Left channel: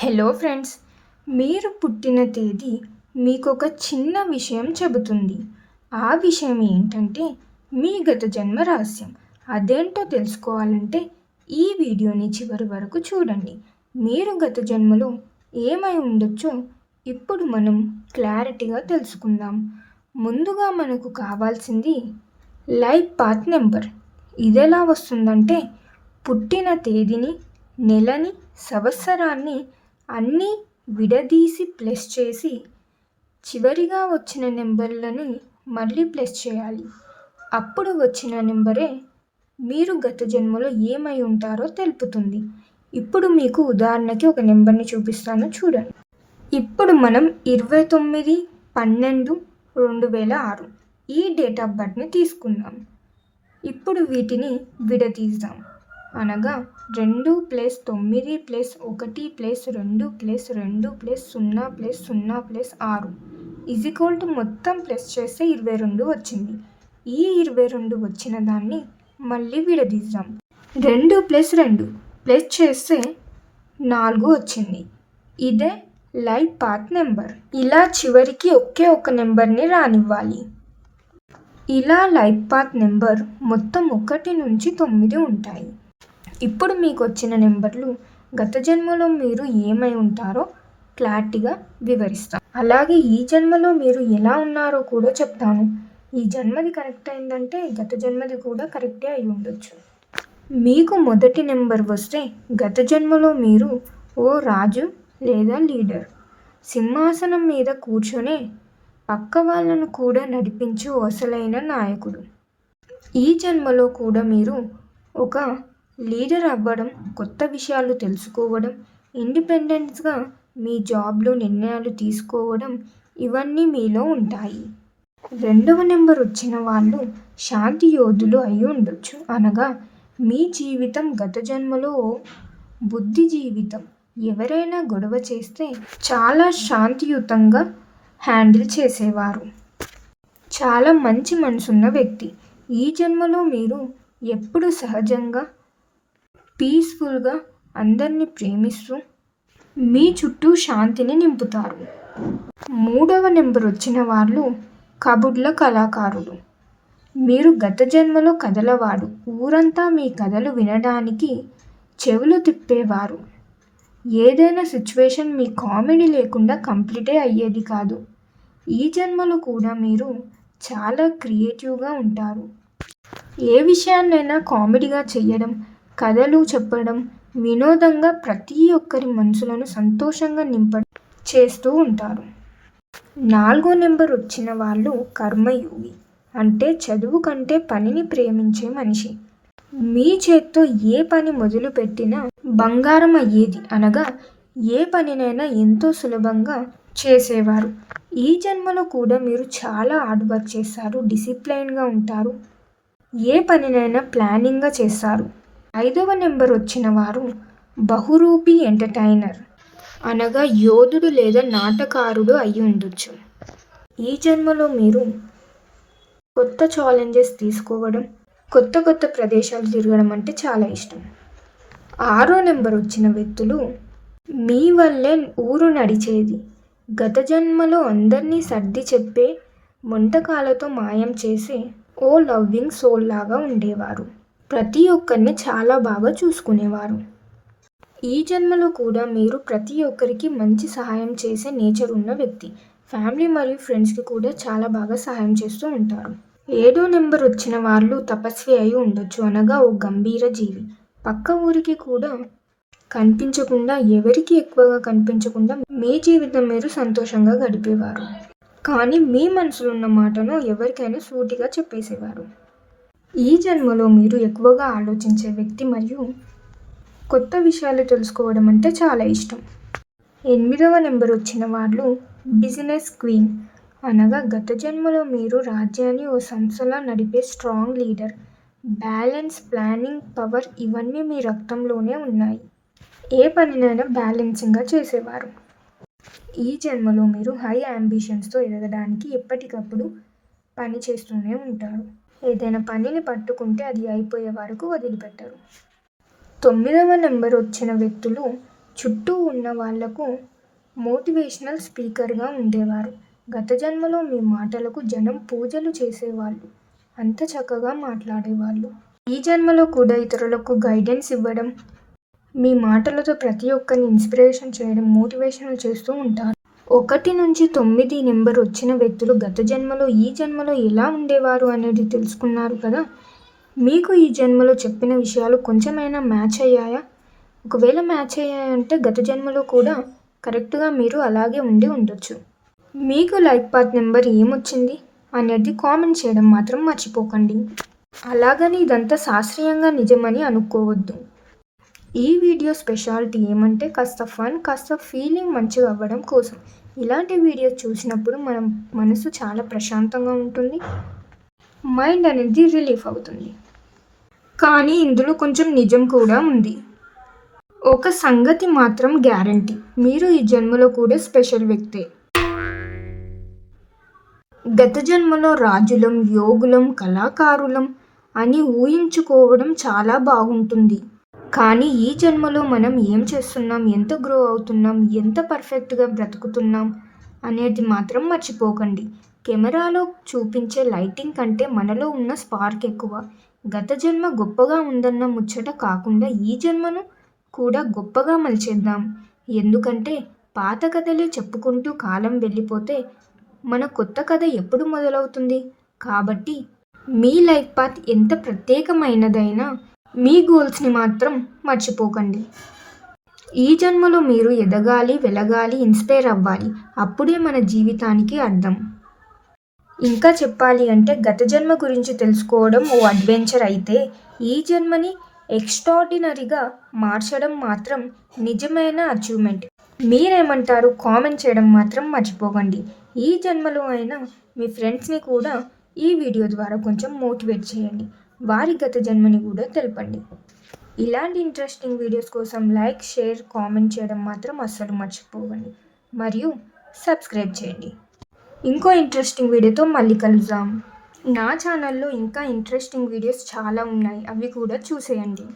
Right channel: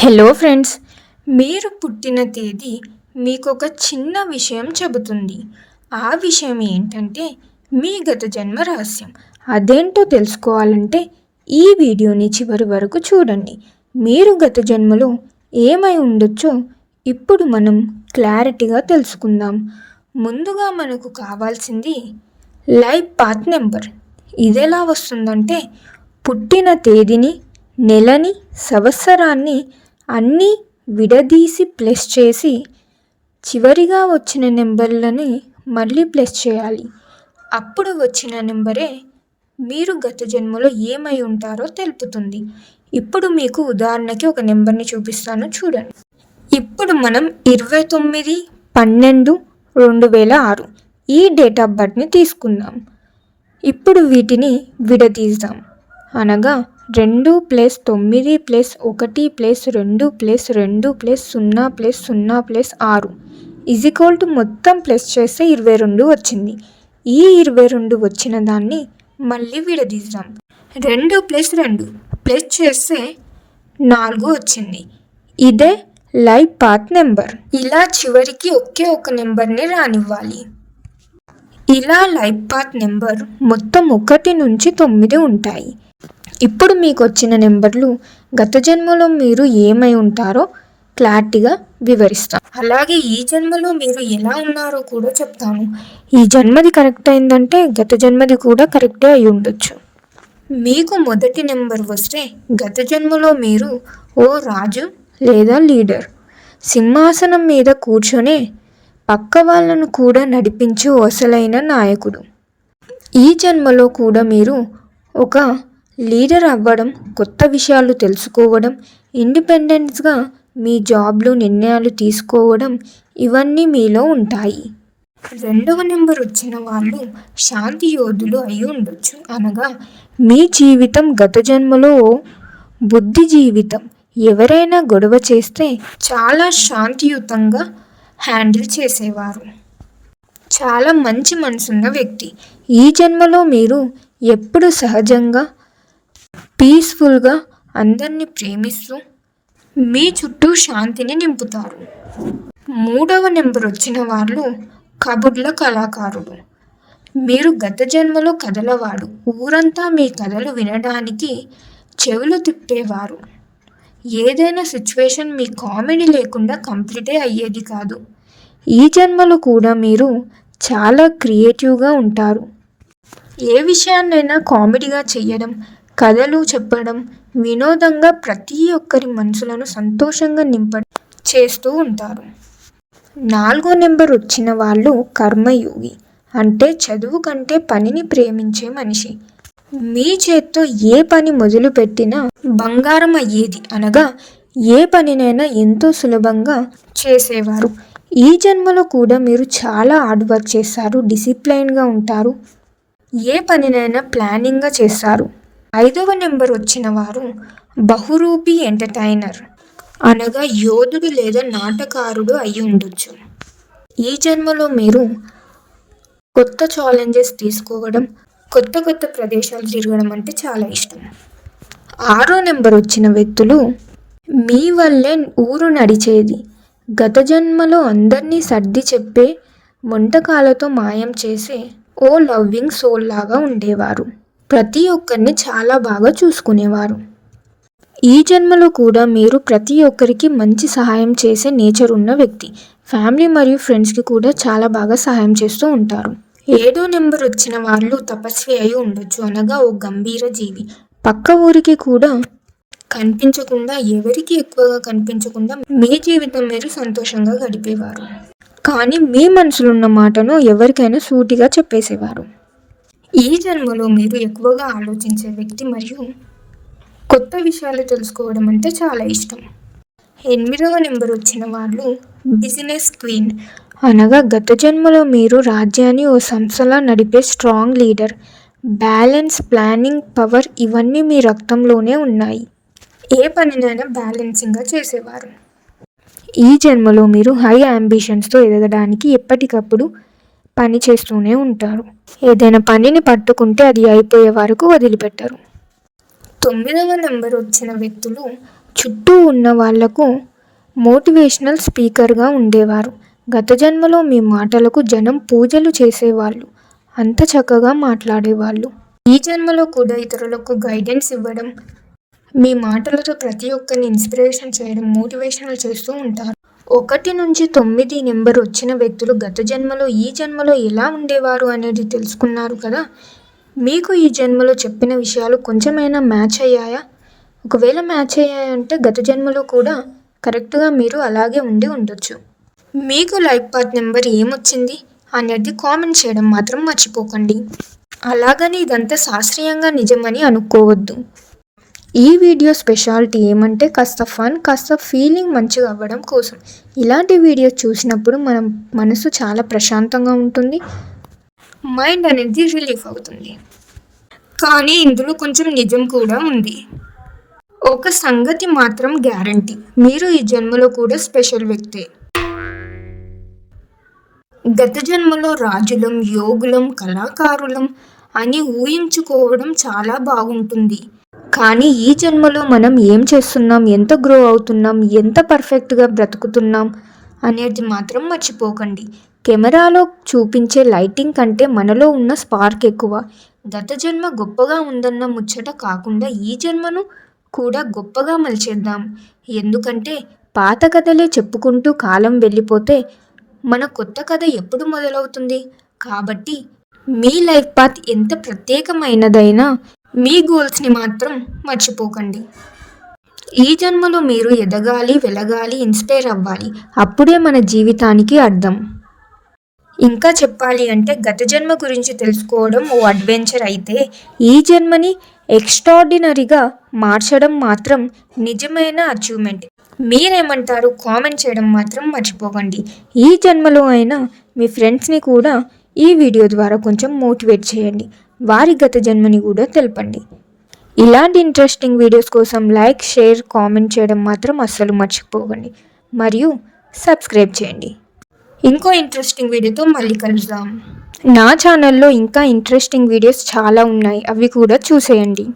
Hello friends మీరు పుట్టిన తేదీ మీకు ఒక చిన్న విషయం చెబుతుంది. ఆ విషయం ఏంటంటే మీ గత జన్మ రహస్యం. అదేంటో తెలుసుకోవాలంటే ఈ వీడియోని చివరి వరకు చూడండి. మీరు గత జన్మలో ఏమై ఉండొచ్చో ఇప్పుడు మనం క్లారిటీగా తెలుసుకుందాం. ముందుగా మనకు కావాల్సింది లైఫ్ పాత్ నెంబర్. ఇది ఎలా వస్తుందంటే పుట్టిన తేదీని నెలని సంవత్సరాన్ని అన్నీ విడదీసి ప్లస్ చేసి చివరిగా వచ్చిన నెంబర్లని మళ్ళీ ప్లస్ చేయాలి. అప్పుడు వచ్చిన నెంబరే మీరు గత జన్మలో ఏమై ఉంటారో తెలుపుతుంది. ఇప్పుడు మీకు ఉదాహరణకి ఒక నెంబర్ని చూపిస్తాను చూడండి. ఇప్పుడు మనం ఇరవై తొమ్మిది పన్నెండు రెండు వేల ఆరు ఈ డేట్ ఆఫ్ బర్త్ని తీసుకుందాం. ఇప్పుడు వీటిని విడదీద్దాం. అనగా రెండు ప్లస్ తొమ్మిది ప్లస్ ఒకటి ప్లస్ రెండు ప్లస్ రెండు ప్లస్ సున్నా ప్లస్ సున్నా ప్లస్ ఆరు ఈక్వల్ టు మొత్తం ప్లస్ చేస్తే ఇరవై రెండు వచ్చింది. ఈ ఇరవై రెండు వచ్చిన దాన్ని మళ్ళీ విడదీద్దాం. రెండు ప్లస్ రెండు ప్లస్ చేస్తే నాలుగు వచ్చింది. ఇదే లైఫ్ పాత్ నెంబర్ ఇలా చివరికి ఒకే ఒక నెంబర్ని రానివ్వాలి. ఇలా లైఫ్ పాత్ నెంబర్ మొత్తం ఒకటి నుంచి తొమ్మిది ఉంటాయి. ఇప్పుడు మీకు వచ్చిన నెంబర్లు గత జన్మలో మీరు ఏమై ఉంటారో క్లారిటీగా వివరిస్తాను అలాగే ఈ జన్మలో మీరు ఎలా ఉన్నారో కూడా చెప్తాను. ఈ జన్మది కరెక్ట్ అయిందంటే గత జన్మది కూడా కరెక్టే అయి ఉండొచ్చు. మీకు మొదటి నెంబర్ వస్తే గత జన్మలో మీరు ఓ రాజు లేదా లీడర్ సింహాసనం మీద కూర్చొనే పక్క వాళ్ళను కూడా నడిపించు అసలైన నాయకుడు. ఈ జన్మలో కూడా మీరు ఒక లీడర్ అవ్వడం కొత్త విషయాలు తెలుసుకోవడం ఇండిపెండెన్స్గా మీ జాబ్లు నిర్ణయాలు తీసుకోవడం ఇవన్నీ మీలో ఉంటాయి. రెండవ నెంబర్ వచ్చిన వాళ్ళు శాంతి యోధులు అయి ఉండొచ్చు. అనగా మీ జీవితం గత జన్మలో బుద్ధి జీవితం ఎవరైనా గొడవ చేస్తే చాలా శాంతియుతంగా హ్యాండిల్ చేసేవారు. చాలా మంచి మనసున్న వ్యక్తి. ఈ జన్మలో మీరు ఎప్పుడు సహజంగా పీస్ఫుల్గా అందరినీ ప్రేమిస్తూ మీ చుట్టూ శాంతిని నింపుతారు. మూడవ నెంబర్ వచ్చిన వాళ్ళు కబుర్ల కళాకారుడు. మీరు గత జన్మలో కథలవాడు ఊరంతా మీ కథలు వినడానికి చెవులు తిప్పేవారు. ఏదైనా సిచ్యువేషన్ మీ కామెడీ లేకుండా కంప్లీటే అయ్యేది కాదు. ఈ జన్మలో కూడా మీరు చాలా క్రియేటివ్గా ఉంటారు. ఏ విషయాన్నైనా కామెడీగా చేయడం కథలు చెప్పడం వినోదంగా ప్రతి ఒక్కరి మనసులను సంతోషంగా నింపడం చేస్తూ ఉంటారు. నాలుగో నెంబర్ వచ్చిన వాళ్ళు కర్మయోగి. అంటే చదువు కంటే పనిని ప్రేమించే మనిషి. మీ చేత్తో ఏ పని మొదలుపెట్టినా బంగారం అయ్యేది అనగా ఏ పనినైనా ఎంతో సులభంగా చేసేవారు. ఈ జన్మలో కూడా మీరు చాలా హార్డ్ వర్క్ చేస్తారు డిసిప్లైన్గా ఉంటారు ఏ పనినైనా ప్లానింగ్గా చేస్తారు. ఐదవ నెంబర్ వచ్చిన వారు బహురూపి ఎంటర్టైనర్. అనగా యోధుడు లేదా నాటకారుడు అయి ఉండొచ్చు. ఈ జన్మలో మీరు కొత్త ఛాలెంజెస్ తీసుకోవడం కొత్త కొత్త ప్రదేశాలు తిరగడం అంటే చాలా ఇష్టం. ఆరో నెంబర్ వచ్చిన వ్యక్తులు మీ వల్లే ఊరు నడిచేది. గత జన్మలో అందరినీ సర్ది చెప్పే వంటకాలతో మాయం చేసే ఓ లవ్వింగ్ సోల్ లాగా ఉండేవారు. ప్రతి ఒక్కరిని చాలా బాగా చూసుకునేవారు. ఈ జన్మలో కూడా మీరు ప్రతి ఒక్కరికి మంచి సహాయం చేసే నేచర్ ఉన్న వ్యక్తి. ఫ్యామిలీ మరియు ఫ్రెండ్స్కి కూడా చాలా బాగా సహాయం చేస్తూ ఉంటారు. ఏడో నెంబర్ వచ్చిన వాళ్ళు తపస్వి అయి ఉండొచ్చు అనగా ఓ గంభీర జీవి. పక్క ఊరికి కూడా కనిపించకుండా ఎవరికి ఎక్కువగా కనిపించకుండా మీ జీవితం మీరు సంతోషంగా గడిపేవారు. కానీ మీ మనసులో ఉన్న మాటను ఎవరికైనా సూటిగా చెప్పేసేవారు. ఈ జన్మలో మీరు ఎక్కువగా ఆలోచించే వ్యక్తి మరియు కొత్త విషయాలు తెలుసుకోవడం అంటే చాలా ఇష్టం. ఎనిమిదవ నెంబర్ వచ్చిన వాళ్ళు బిజినెస్ క్వీన్. అనగా గత జన్మలో మీరు రాజ్యాన్ని ఓ సంస్థలా నడిపే strong leader balance planning power ఇవన్నీ మీ రక్తంలోనే ఉన్నాయి. ఏ పనినైనా బ్యాలెన్సింగ్గా చేసేవారు. ఈ జన్మలో మీరు హై అంబిషన్స్తో ఎదగడానికి ఎప్పటికప్పుడు పని చేస్తూనే ఉంటారు. ఏదైనా పనిని పట్టుకుంటే అది అయిపోయే వరకు వదిలిపెట్టరు. తొమ్మిదవ నెంబర్ వచ్చిన వ్యక్తులు చుట్టూ ఉన్న వాళ్ళకు మోటివేషనల్ స్పీకర్గా ఉండేవారు. గత జన్మలో మీ మాటలకు జనం పూజలు చేసేవాళ్ళు. అంత చక్కగా మాట్లాడేవాళ్ళు. ఈ జన్మలో కూడా ఇతరులకు గైడెన్స్ ఇవ్వడం మీ మాటలతో ప్రతి ఒక్కరిని ఇన్స్పిరేషన్ చేయడం మోటివేషనల్ చేస్తూ ఉంటారు. ఒకటి నుంచి తొమ్మిది నెంబర్ వచ్చిన వ్యక్తులు గత జన్మలో ఈ జన్మలో ఎలా ఉండేవారు అనేది తెలుసుకున్నారు కదా? మీకు ఈ జన్మలో చెప్పిన విషయాలు కొంచెమైనా మ్యాచ్ అయ్యాయా? ఒకవేళ మ్యాచ్ అయ్యాయంటే గత జన్మలో కూడా కరెక్ట్గా మీరు అలాగే ఉండి ఉండొచ్చు. మీకు లైఫ్ పాత్ నెంబర్ ఏమొచ్చింది అనేది కామెంట్ చేయడం మాత్రం మర్చిపోకండి. అలాగని ఇదంతా శాస్త్రీయంగా నిజమని అనుకోవద్దు. ఈ వీడియో స్పెషాలిటీ ఏమంటే కాస్త ఫన్ కాస్త ఫీలింగ్ మంచిగా అవ్వడం కోసం. ఇలాంటి వీడియో చూసినప్పుడు మనం మనసు చాలా ప్రశాంతంగా ఉంటుంది. మైండ్ అనేది రిలీఫ్ అవుతుంది. కానీ ఇందులో కొంచెం నిజం కూడా ఉంది. ఒక సంగతి మాత్రం గ్యారంటీ మీరు ఈ జన్మలో కూడా స్పెషల్ వ్యక్తే. గత జన్మలో రాజులం యోగులం కళాకారులం అని ఊహించుకోవడం చాలా బాగుంటుంది. కానీ ఈ జన్మలో మనం ఏం చేస్తున్నాం? ఎంత గ్రో అవుతున్నాం? ఎంత పర్ఫెక్ట్గా బ్రతుకుతున్నాం? అనేది మాత్రం మర్చిపోకండి. కెమెరాలో చూపించే లైటింగ్ కంటే మనలో ఉన్న స్పార్క్ ఎక్కువ. గత జన్మ గొప్పగా ఉందన్న ముచ్చట కాకుండా ఈ జన్మను కూడా గొప్పగా మలిచేద్దాం. ఎందుకంటే పాత కథలే చెప్పుకుంటూ కాలం వెళ్ళిపోతే మన కొత్త కథ ఎప్పుడు మొదలవుతుంది? కాబట్టి మీ లైఫ్ పాత్ ఎంత ప్రత్యేకమైనదైనా మీ గోల్స్ని మాత్రం మర్చిపోకండి. ఈ జన్మలో మీరు ఎదగాలి వెలగాలి ఇన్స్పైర్ అవ్వాలి. అప్పుడే మన జీవితానికి అర్థం. ఇంకా చెప్పాలి అంటే గత జన్మ గురించి తెలుసుకోవడం ఓ అడ్వెంచర్ అయితే ఈ జన్మని ఎక్స్ట్రాడినరీగా మార్చడం మాత్రం నిజమైన అచీవ్మెంట్. మీరేమంటారు? కామెంట్ చేయడం మాత్రం మర్చిపోకండి. ఈ జన్మలో అయినా మీ ఫ్రెండ్స్ని కూడా ఈ వీడియో ద్వారా కొంచెం మోటివేట్ చేయండి. వారి గత జన్మని కూడా తెలపండి. ఇలాంటి ఇంట్రెస్టింగ్ వీడియోస్ కోసం లైక్ షేర్ కామెంట్ చేయడం మాత్రం అస్సలు మర్చిపోకండి. మరియు సబ్స్క్రైబ్ చేయండి. ఇంకో ఇంట్రెస్టింగ్ వీడియోతో మళ్ళీ కలుద్దాం. నా ఛానల్లో ఇంకా ఇంట్రెస్టింగ్ వీడియోస్ చాలా ఉన్నాయి. అవి కూడా చూసేయండి.